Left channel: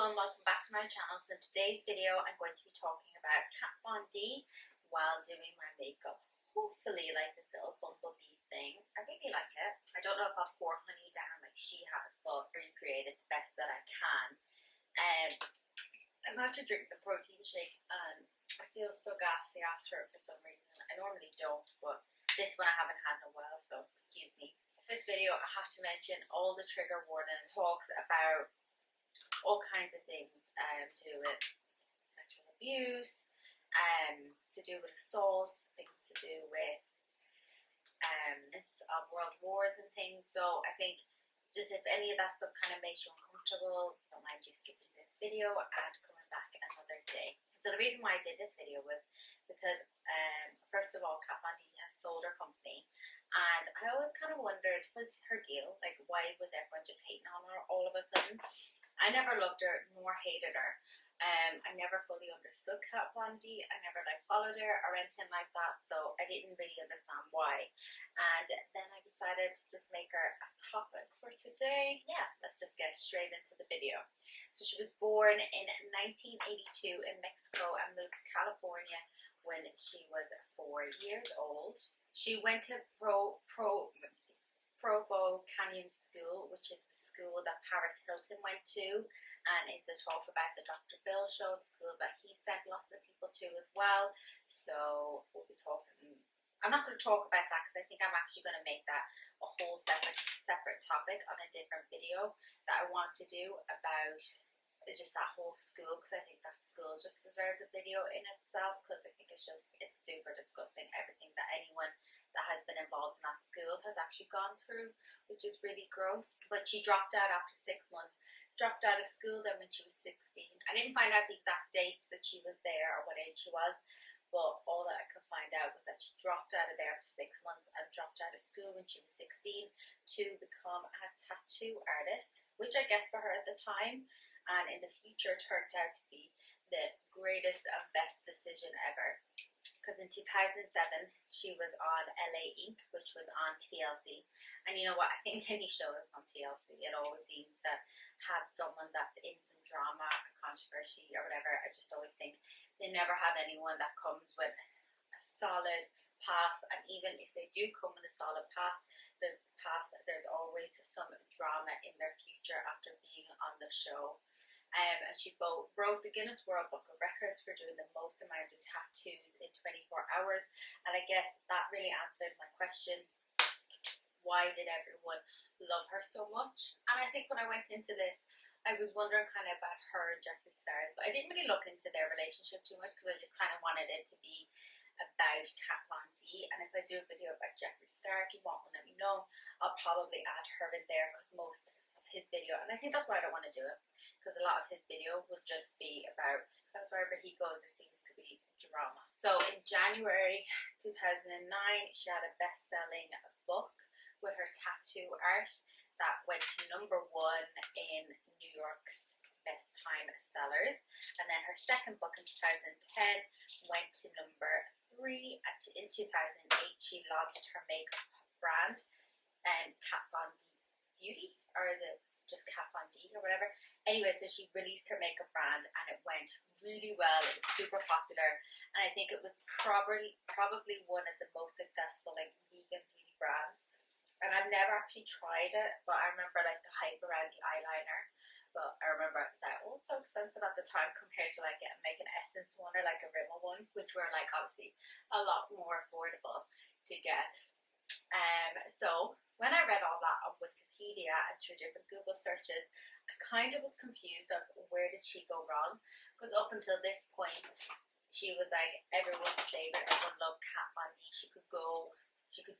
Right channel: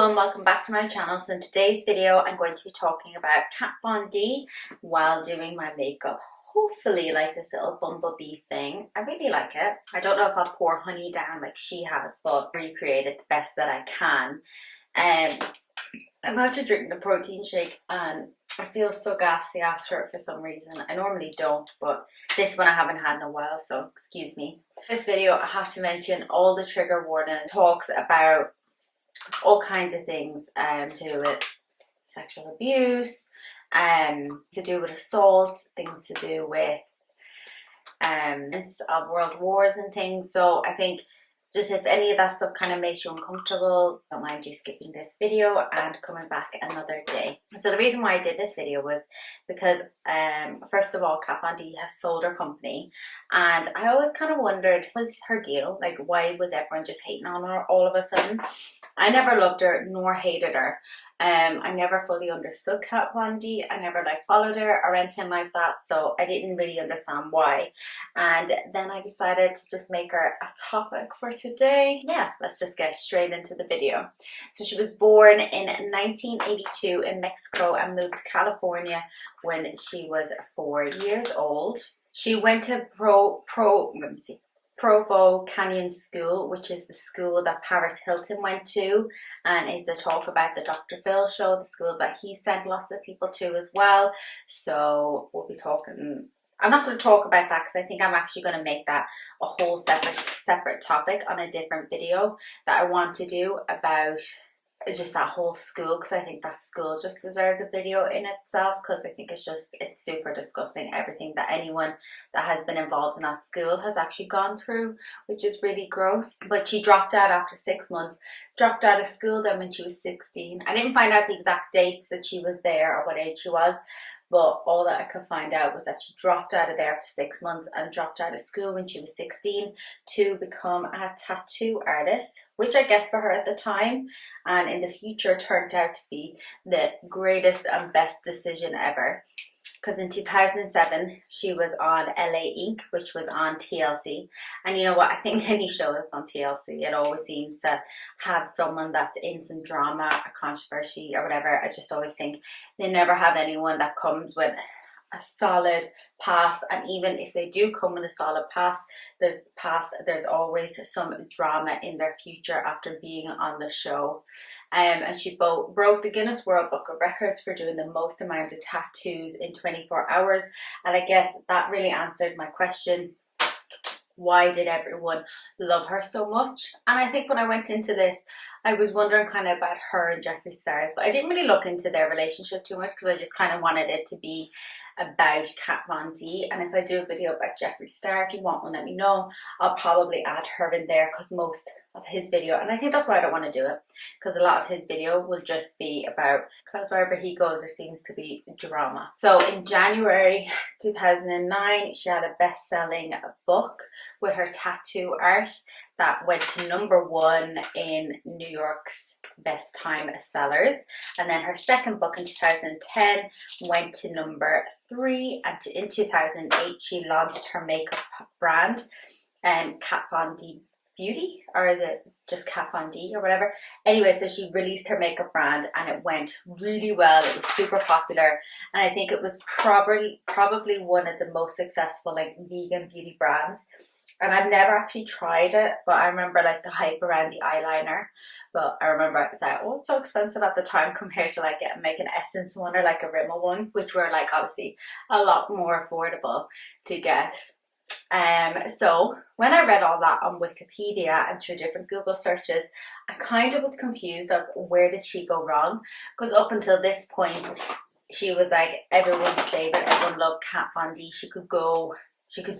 everyone, welcome back to my channel. So in today's video I'm going to be talking about Kat Von D while doing my makeup. Hopefully like this little bumblebee thing. I really like it. I don't know if I'll pour honey down like she has, but recreate it the best that I can. I'm about to drink the protein shake and I feel so gassy after it for some reason. I normally don't, but this one I haven't had in a while, so excuse me. This video, I have to mention all the trigger warning talks about all kinds of things to do with sexual abuse, to do with assault, things to do with world wars and things. So I think just if any of that stuff kind of makes you uncomfortable, don't mind you skipping this video and coming back another day. So the reason why I did this video was because first of all, Kat Von D has sold her company, and I always kind of wondered, what was her deal? Like, why was everyone just hating on her all of a sudden? I never loved her nor hated her. I never fully understood Kat Von D. I never like followed her or anything like that, so I didn't really understand why. And then I decided to just make her a topic for today. Yeah, let's just get straight into the video. So she was born in 1982 in Mexico and moved to California when she was 4 years old. She went to Provo Canyon School, which is the school that Paris Hilton went to, and is a talk about the Dr. Phil show, the school that he sent lots of people to as well. So we'll be talking, I'm not going to talk about that because I think I'm actually going to make that a whole separate topic on a different video that I want to do about just that whole school, because I think that school just deserves a video in itself, because I think it's super disgusting, everything that anyone that has been involved in that school has actually gone through, which is really gross. But she dropped out after 6 months, dropped out of school then when she was 16. I didn't find out the exact dates that she was there or what age she was, but all that I could find out was that she dropped out of there after 6 months and dropped out of school when she was 16 to become a tattoo artist, which I guess for her at the time and in the future turned out to be the greatest and best decision ever. Because in 2007 she was on LA Ink, which was on TLC, and you know what, I think any show that's on TLC, it always seems to have someone that's in some drama or controversy or whatever. I just always think they never have anyone that comes with a solid pass, and even if they do come with a solid pass, there's always some drama in their future after being on the show. And she broke the Guinness World Book of Records for doing the most amount of tattoos in 24 hours. And I guess that really answered my question, why did everyone love her so much? And I think when I went into this, I was wondering kind of about her and Jeffree Star's, but I didn't really look into their relationship too much because I just kind of wanted it to be about Kat Von D. And if I do a video about Jeffree Star, if you want one, let me know. I'll probably add her in there because most of his video, and I think that's why I don't want to do it, because a lot of his video will just be about, because wherever he goes there seems to be drama. So in January 2009 she had a best-selling book with her tattoo art that went to #1 in New York's best time sellers, and then her second book in 2010 went to #3, and in 2008 she launched her makeup brand, Kat Von D Beauty, or is it just Kat Von D or whatever? Anyway, so she released her makeup brand and it went really well. It was super popular, and I think it was probably one of the most successful like vegan beauty brands. And I've never actually tried it, but I remember like the hype around the eyeliner. But I remember it was like, oh, it's so expensive at the time compared to like making an Essence one or like a Rimmel one, which were like obviously a lot more affordable to get. So when I read all that on Wikipedia and through different Google searches, I kind of was confused of where did she go wrong, because up until this point she was like everyone's favorite, everyone loved Kat Von D. She could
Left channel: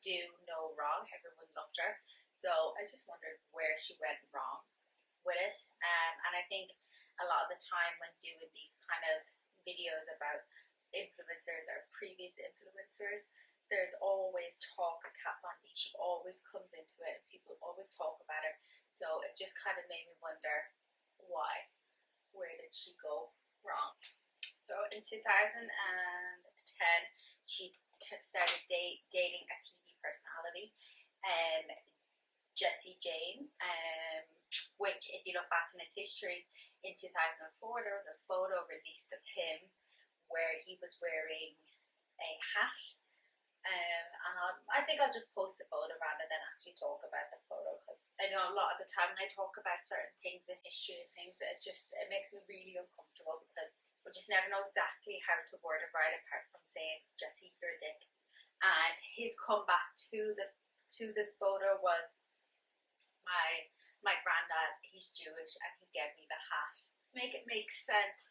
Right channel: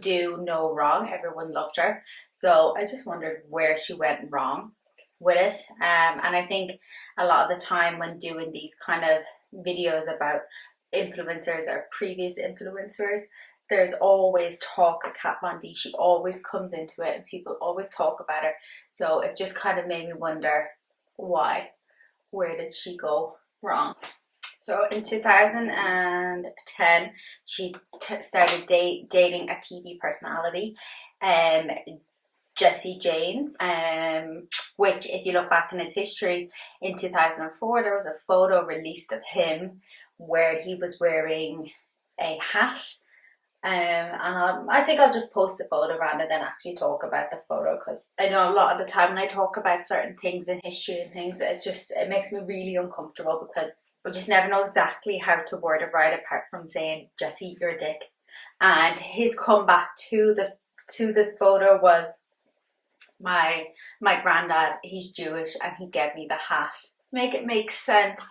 do no wrong, everyone loved her. So I just wondered where she went wrong with it. And I think a lot of the time when doing these kind of videos about influencers or previous influencers, there's always talk of Kat Von D. She always comes into it and people always talk about her. So it just kind of made me wonder why. Where did she go wrong? So in 2010, she started dating a TV personality, Jesse James, which if you look back in his history, in 2004 there was a photo released of him where he was wearing a hat. And I think I'll just post the photo rather than actually talk about the photo, because I know a lot of the time when I talk about certain things in history and things, it makes me really uncomfortable, because I just never know exactly how to word it right, apart from saying, Jesse, you're a dick. And his comeback to the photo was, my granddad, he's Jewish and he gave me the hat. Make it make sense.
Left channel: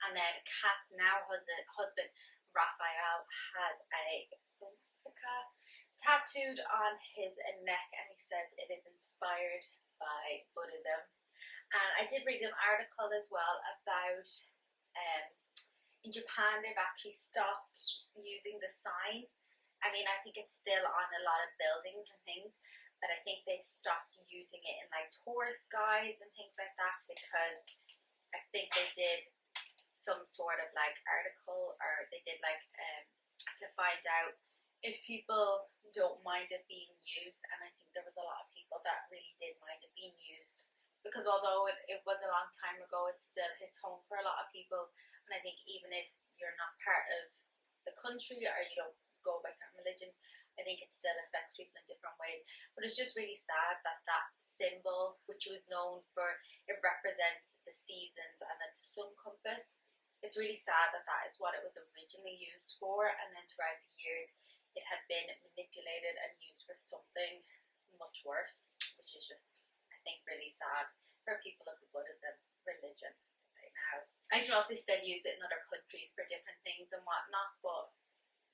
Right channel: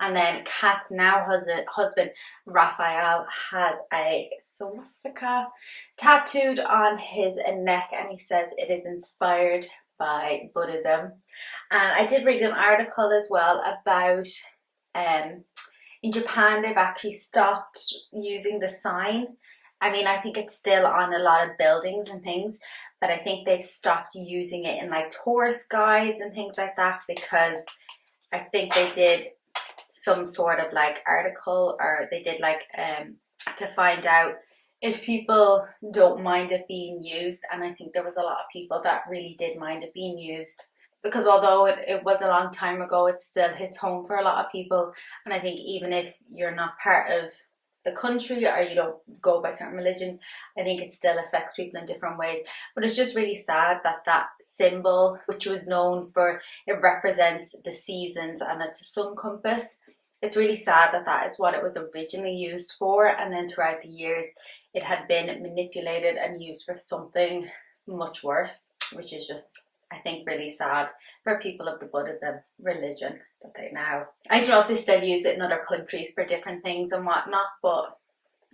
And then Kat's now husband, Raphael, has a swastika tattooed on his neck, and he says it is inspired by Buddhism. And I did read an article as well about in Japan they've actually stopped using the sign. I mean, I think it's still on a lot of buildings and things, but I think they've stopped using it in like tourist guides and things like that, because I think they did some sort of like article, or they did like to find out if people don't mind it being used. And I think there was a lot of people that really did mind it being used, because although it was a long time ago, it still hits home for a lot of people. And I think even if you're not part of the country or you don't go by certain religions, I think it still affects people in different ways. But it's just really sad that that symbol, which was known for, it represents the seasons and it's a sun compass, it's really sad that that is what it was originally used for, and then throughout the years it had been manipulated and used for something much worse, which is just, I think, really sad for people of the Buddhism religion. That they now, I don't know if they still use it in other countries for different things and whatnot, but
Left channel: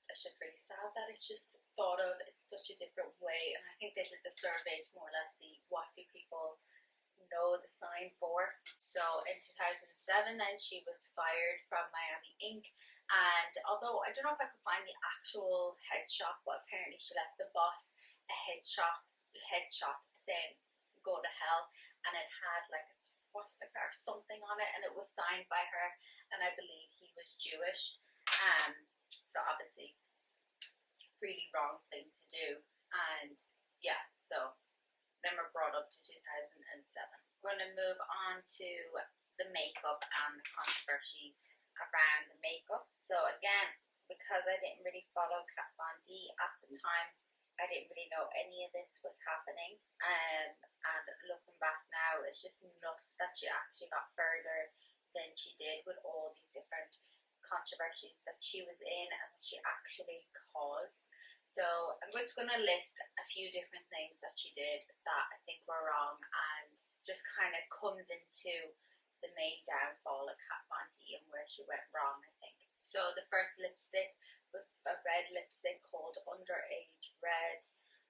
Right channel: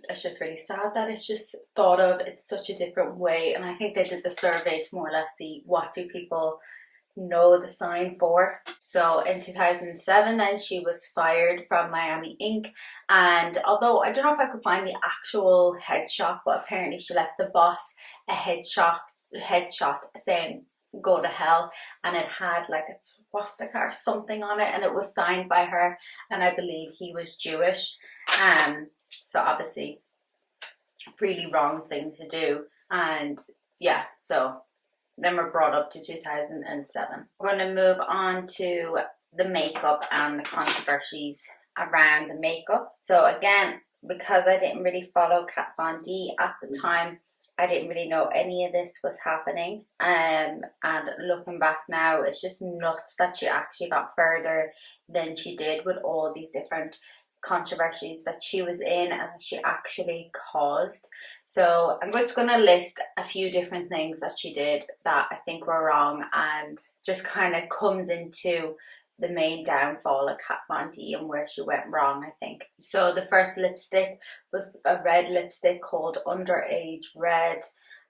it's just really sad that it's just thought of it's such a different way. And I think they did the survey to more or less see what do people know the sign for. So in 2007 then she was fired from Miami Ink, and although I don't know if I could find the actual headshot, but apparently she left the boss a headshot saying go to hell, and it had like a swastika or something on it, and it was signed by her, and I believe he was Jewish. So obviously really wrong thing to do. And yeah, so then we're brought up to 2007. We're going to move on to the makeup and the controversies around the makeup. So again, because I didn't really follow Kat Von D at the time, I didn't really know any of this was happening. And looking back now, it's just nuts that she actually got further than she did with all these different controversies that she was in and that she actually caused. So I'm just going to list a few different things that she did that I think were wrong, and just kind of comes into the main downfall of Kat Von D and where she went wrong, I think. So the first lipstick was a red lipstick called Underage Red,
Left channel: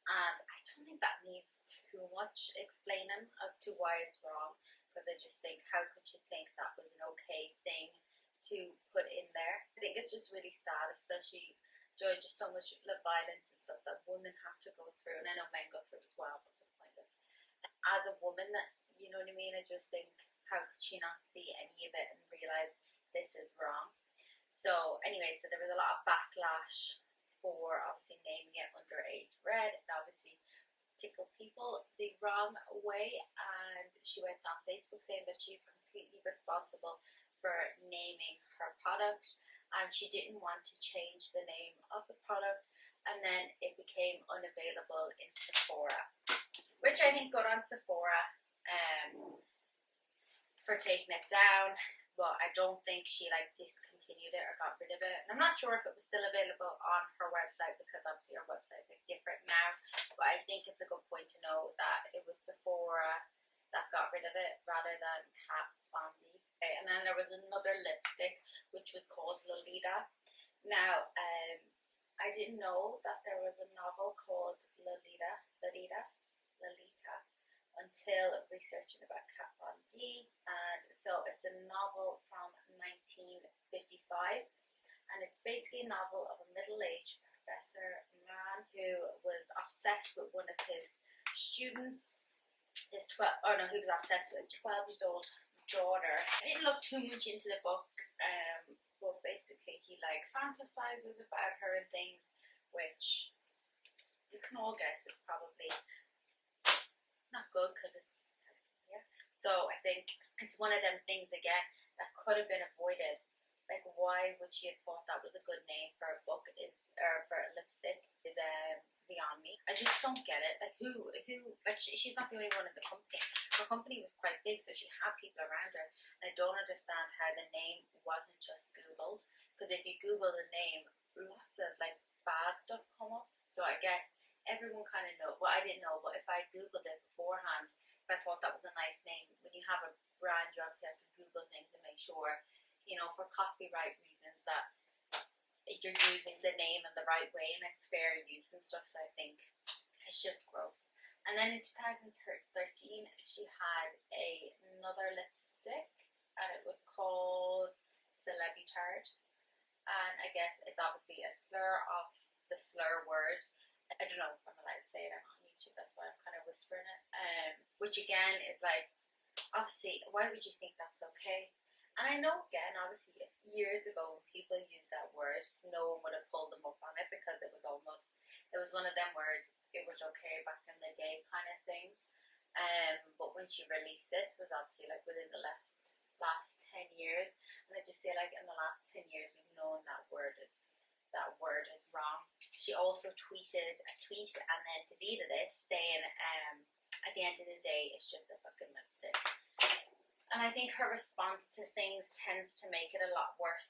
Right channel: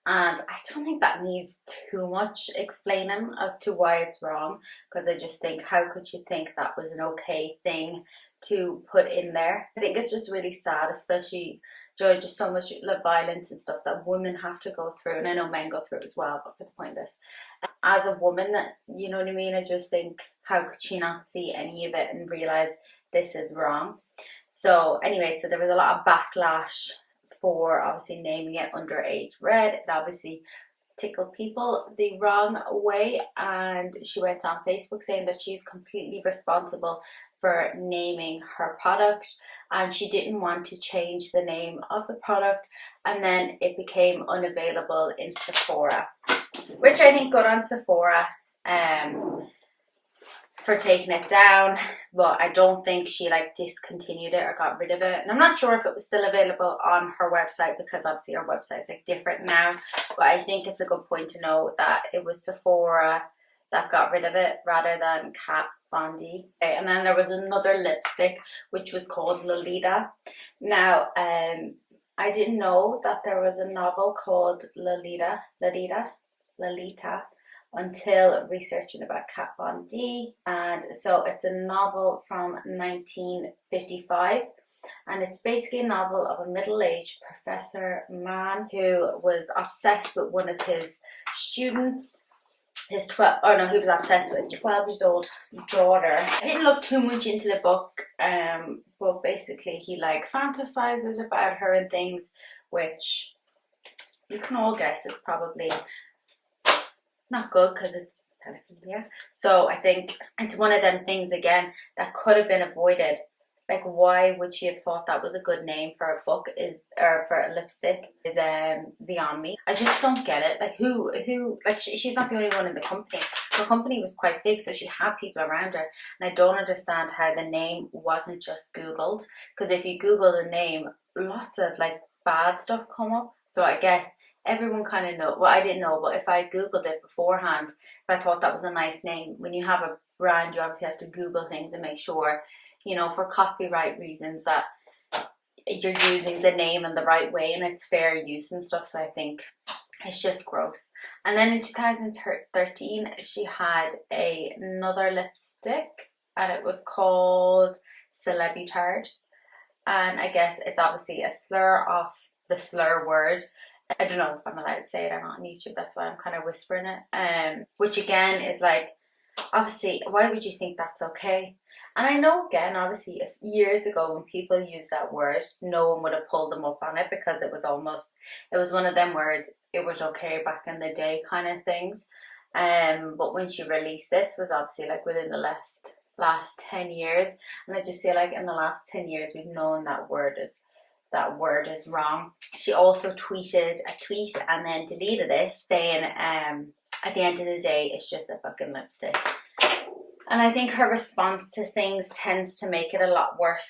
and I don't think that needs too much explaining as to why it's wrong, because I just think, how could you think that was an okay thing to put in there? I think it's just really sad, especially during just so much violence and stuff that women have to go through, and I know men go through it as well, but for the point of this, as a woman, you know what I mean, I just think, how could she not see any of it and realize this is wrong? So anyway, so there was a lot of backlash for obviously naming it Underage Red. It obviously tickled people the wrong way, and she went on Facebook saying that she's completely responsible for naming her product, and she didn't want to change the name of the product, and then it became unavailable in Sephora, which I think good on Sephora for taking it down, but I don't think she like discontinued it or got rid of it. And I'm not sure if it was still available on her website, because obviously her website's like different now, but I think it's a good point to know that it was Sephora that got rid of it rather than Kat Von D. Okay, and then there was another lipstick which was called Lolita. Now I didn't know that there was a novel called Lolita until researching about Kat Von D. And so it's a novel from 1955, and it's basically a novel of a middle-aged professor man who was obsessed with one of his students. He was obsessed with his 12 years old daughter. I didn't look too much into the book, but basically he like fantasizes about her and things, which you can all guess is probably not good because it's pedophilia. So I think it's one of them things again that could have been avoided. Like, why would she have thought that was a good name for a book or for a lipstick is beyond me. I just don't get it. Like, who like she's not the only one in the company. Her company was quite big, so she had people around her, and I don't understand how the name wasn't just Googled, because if you Google the name, lots of like bad stuff come up. So I guess everyone kind of know. Well, I didn't know, but if I Googled it beforehand, if I thought that was a nice name, when you have a brand, you obviously have to Google things and make sure, you know, for copyright reasons, that you're using the name in the right way and it's fair use and stuff. So I think it's just gross. And then in 2013, she had another lipstick, and it was called Celebutard. And I guess it's obviously a slur of the slur word. I don't know if I'm allowed to say it or not on YouTube, that's why I'm kind of whispering it. Which again is like, obviously, why would you think that's okay? And I know, again, obviously, if years ago when people used that word, no one would have pulled them up on it, because it was one of them words, it was okay back in the day kind of things. But when she released this was obviously like within the last 10 years, and I just feel like in the last 10 years we've known that word is wrong. She also tweeted a tweet and then deleted it, saying at the end of the day it's just a fucking lipstick. And I think her response to things tends to make it a lot worse.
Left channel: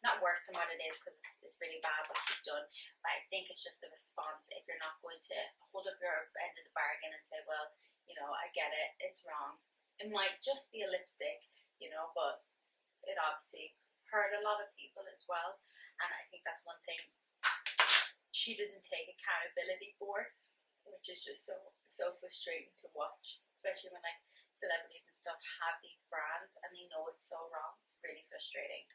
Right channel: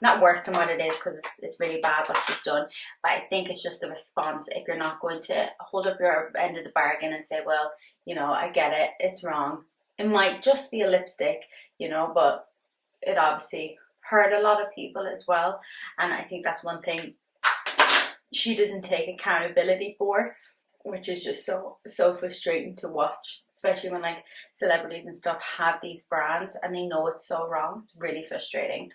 Not worse than what it is, because it's really bad what she's done. But I think it's just the response. If you're not going to hold up your end of the bargain and say, well, you know, I get it, it's wrong. It might just be a lipstick, you know, but it obviously hurt a lot of people as well. And I think that's one thing she doesn't take accountability for, which is just so frustrating to watch. Especially when like celebrities and stuff have these brands and they know it's so wrong. It's really frustrating.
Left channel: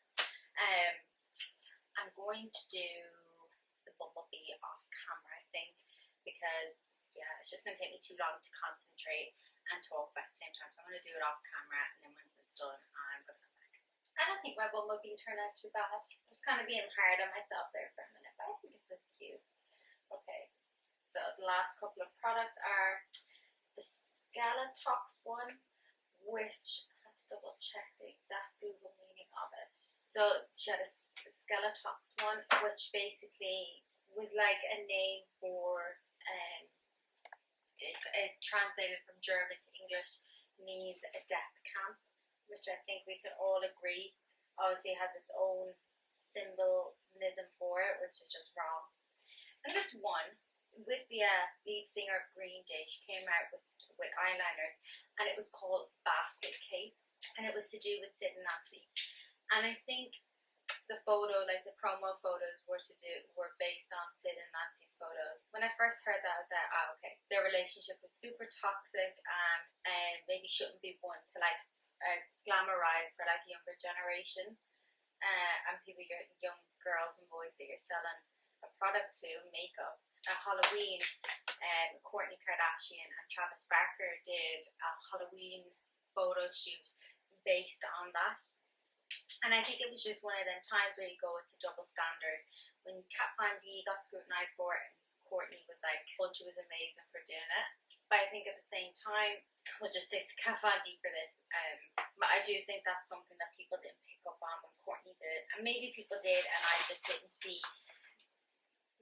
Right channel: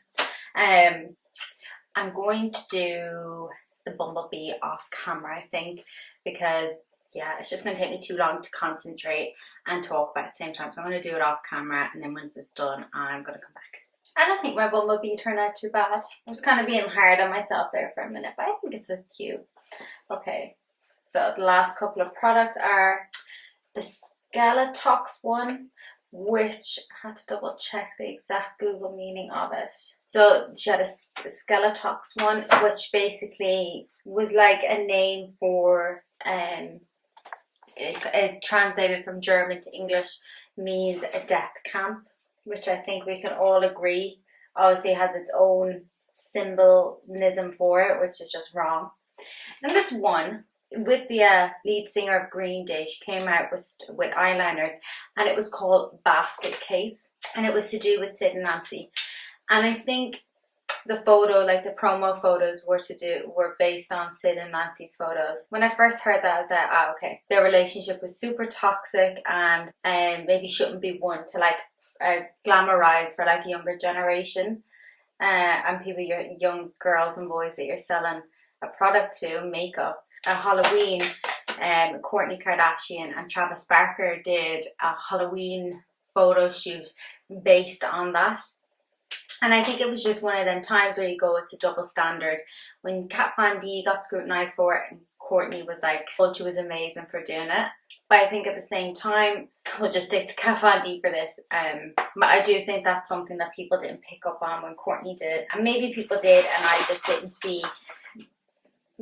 I'm going to do the bumblebee off camera, I think, because yeah, it's just going to take me too long to concentrate and talk about at the same time. So I'm going to do it off camera, and then once it's done, I'm going to come back. I don't think my bumblebee turned out too bad. I was kind of being hard on myself there for a minute, but I think it's so cute. Okay, so the last couple of products are the XOXO one, which I had to double check the exact Google meaning of it. So she had a XOXO one, which basically was like a name for it translated from German to English means a death camp, which I think we can all agree obviously has its own symbolism for it, which is just wrong. And this one, with the lead singer of Green Day, she came out with eyeliners, and it was called Basket Case, and it was to do with Sid and Nancy. And I think the photo, like the promo photos, were based on Sid and Nancy's photos. When I first heard that, I was like, okay, their relationship was super toxic, and maybe shouldn't be one to like glamorize for like a younger generation, and people, your young girls and boys that you're selling a product to, makeup. At Halloween, Kourtney Kardashian and Travis Barker did a Halloween photo shoot based on that. And I think it was just one of them times where you go, it's a double standard. When Kat Von D got scrutinized for it, and Kourtney was like, well, she was amazing for doing it. But I think at the same time, we'll just stick to Kat Von D for this. But I do think that's something that people didn't pick up on when Kourtney did it. And maybe people did, and I just didn't see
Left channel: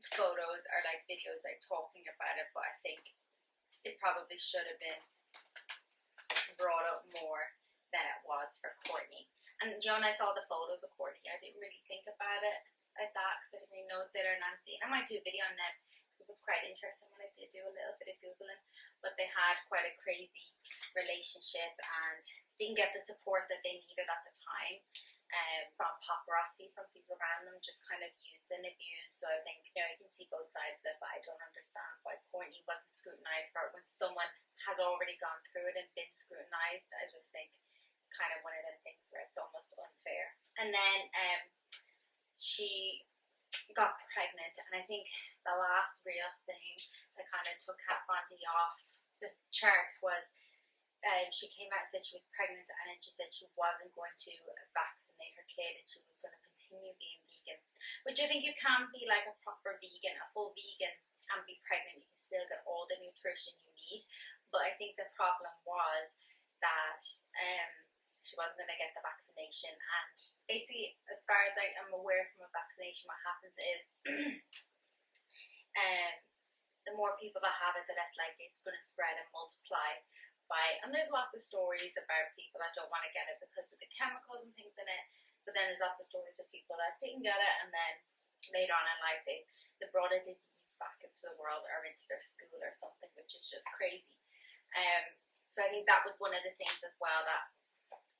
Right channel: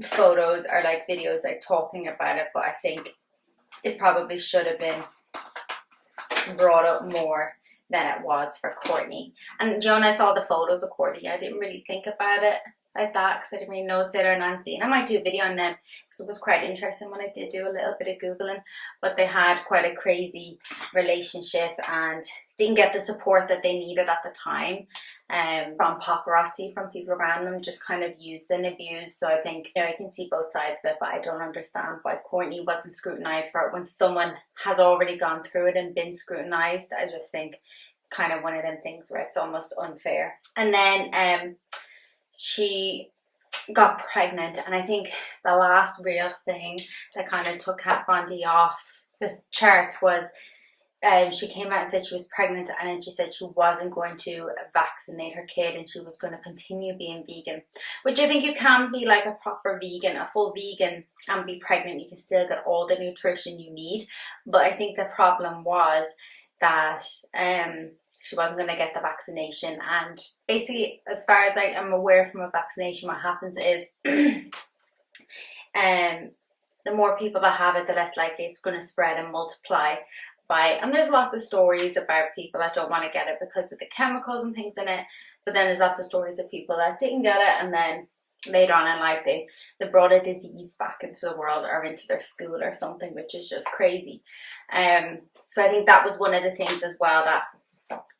photos or like videos like talking about it. But I think it probably should have been brought up more than it was for Kourtney. And Joan, I saw the photos of Kourtney, I didn't really think about it like that, because I didn't really know Sid or Nancy, and I might do a video on them because it was quite interesting when I did do a little bit of Googling. But they had quite a crazy relationship and didn't get the support that they needed at the time, from paparazzi, from people around them, just kind of used and abused. So I think, you know, I can see both sides of it, but I don't understand why Kourtney wasn't scrutinized for it when someone has already gone through it and been scrutinized. I just think it's kind of one of them things where it's almost unfair. And then she got pregnant, and I think the last real thing that kind of took Kat Von D off the charts was she came out and said she was pregnant, and then she said she wasn't going to vaccinate her kid and she was going to continue being vegan, which I think you can be like a proper vegan, a full vegan, and be pregnant. You can still get all the nutrition you need, but I think the problem was that she wasn't going to get the vaccination. And basically, as far as I am aware from a vaccination, what happens is the more people that have it, the less likely it's going to spread and multiply. And there's lots of stories about people that don't want to get it because of the chemicals and things in it, but then there's lots of stories of people that didn't get it and then later on in life they brought a disease back into the world or into their school or something, which is just crazy. So I think that was one of the things as well that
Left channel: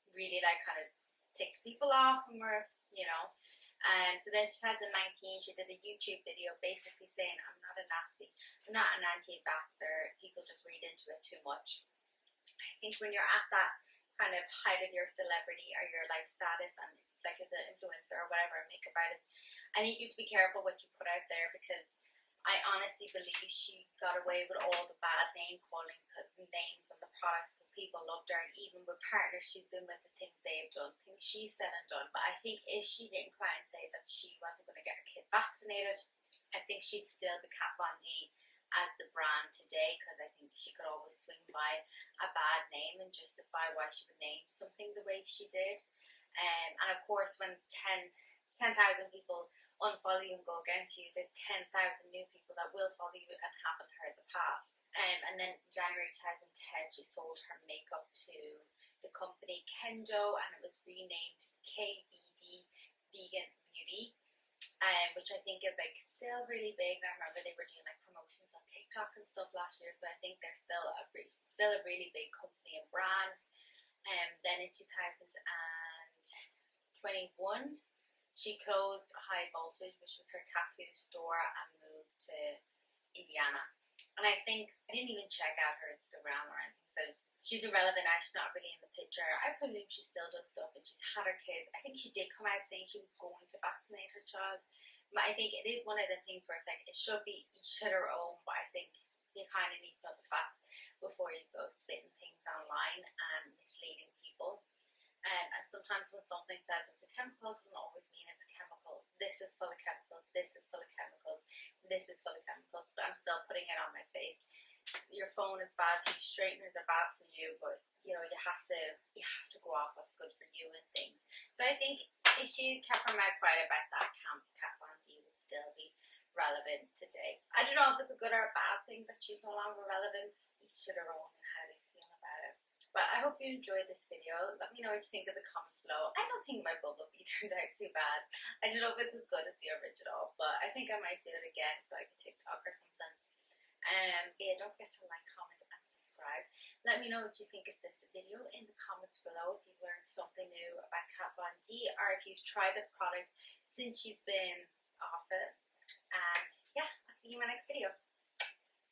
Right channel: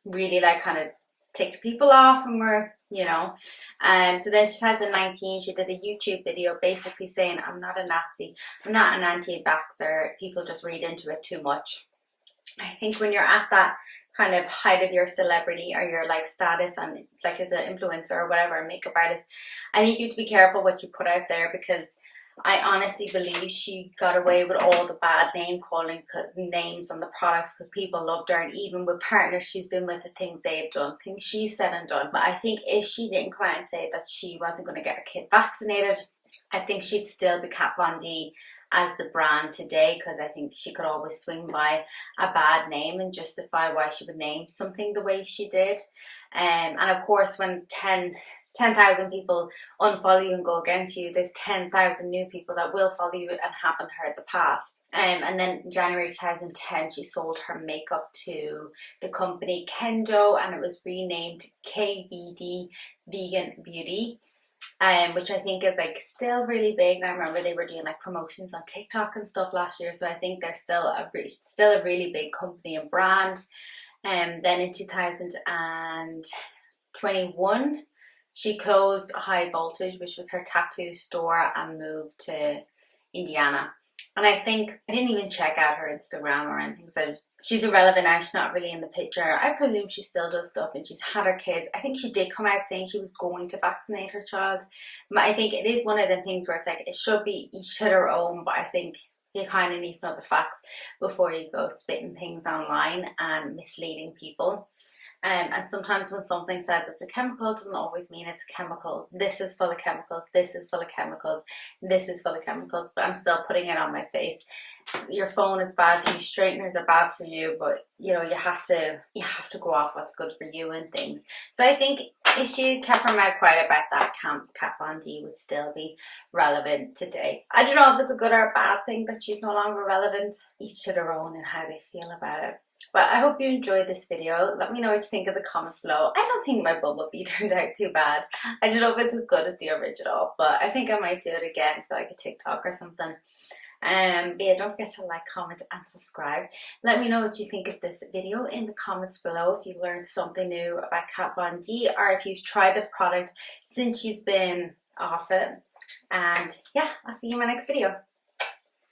really like kind of ticked people off and were, you know. So then 2019 she did a YouTube video basically saying, I'm not a Nazi, I'm not an anti-vaxxer, people just read into it too much. I think when you're at that kind of height of your celebrity or your like status on like as an influencer or whatever, makeup artist, I think you have to be careful what you put out there, because I honestly believe she got away with all the bad name calling names on the products because people loved her, and even with partners she's been with, the things they've done, things she said and done. But I think if she didn't come out and say that she wasn't going to get her kid vaccinated, I think she'd still be Kat Von D as the brand today, because I think she could always swing by a bad name and justify why she would name something the way she did. And of course when 10,000 people unfollow you and go against you, there's 10,000 new people that will follow you and haven't heard the past. And then in January 2010 she sold her makeup to the company Kendo, and it was renamed KVD Vegan Beauty, which I think is like still really big. And I remember they were doing like promotions on TikTok and stuff last year, so I think they're still a really big company and brand. Then in 2021 she closed High Voltage, which was her tattoo store, and moved to Indiana. And I think I didn't even check out her Instagram or anything, so she's irrelevant now. She's not really in the picture. I presume she still does stuff and she's had her kids. I think she did come out saying she was going to vaccinate her child. But I think it is one of the things where it's like it should be each to their own, but I think you kind of need to know the facts before you go spitting things online and misleading people. And sometimes when something says it's a chemical, it doesn't always mean it's a chemical. This is full of chemicals, this is full of chemicals, this is full of chemicals, but I'm still putting it on my face. Your phone is bad for you, straighteners are bad for you, but you know, you have to go off what's good for you and things. So I think if she kept her mouth quiet about that, Kat Von D would still be relevant today. I don't know if it's a good or a bad thing that she's no longer relevant. Each to their own and how they feel about it. But I hope you enjoyed this video. Let me know what you think in the comments below. I don't think my bumblebee turned out too bad. I don't know if it's as good as the original, but I think I might do it again for like a TikTok or something. But yeah, don't forget to like, comment and subscribe. Let me know what you think of this video in the comments below, if you learned something new about Kat Von D, or if you've tried the product since she's been off it. And yeah, I'll see you in my next video.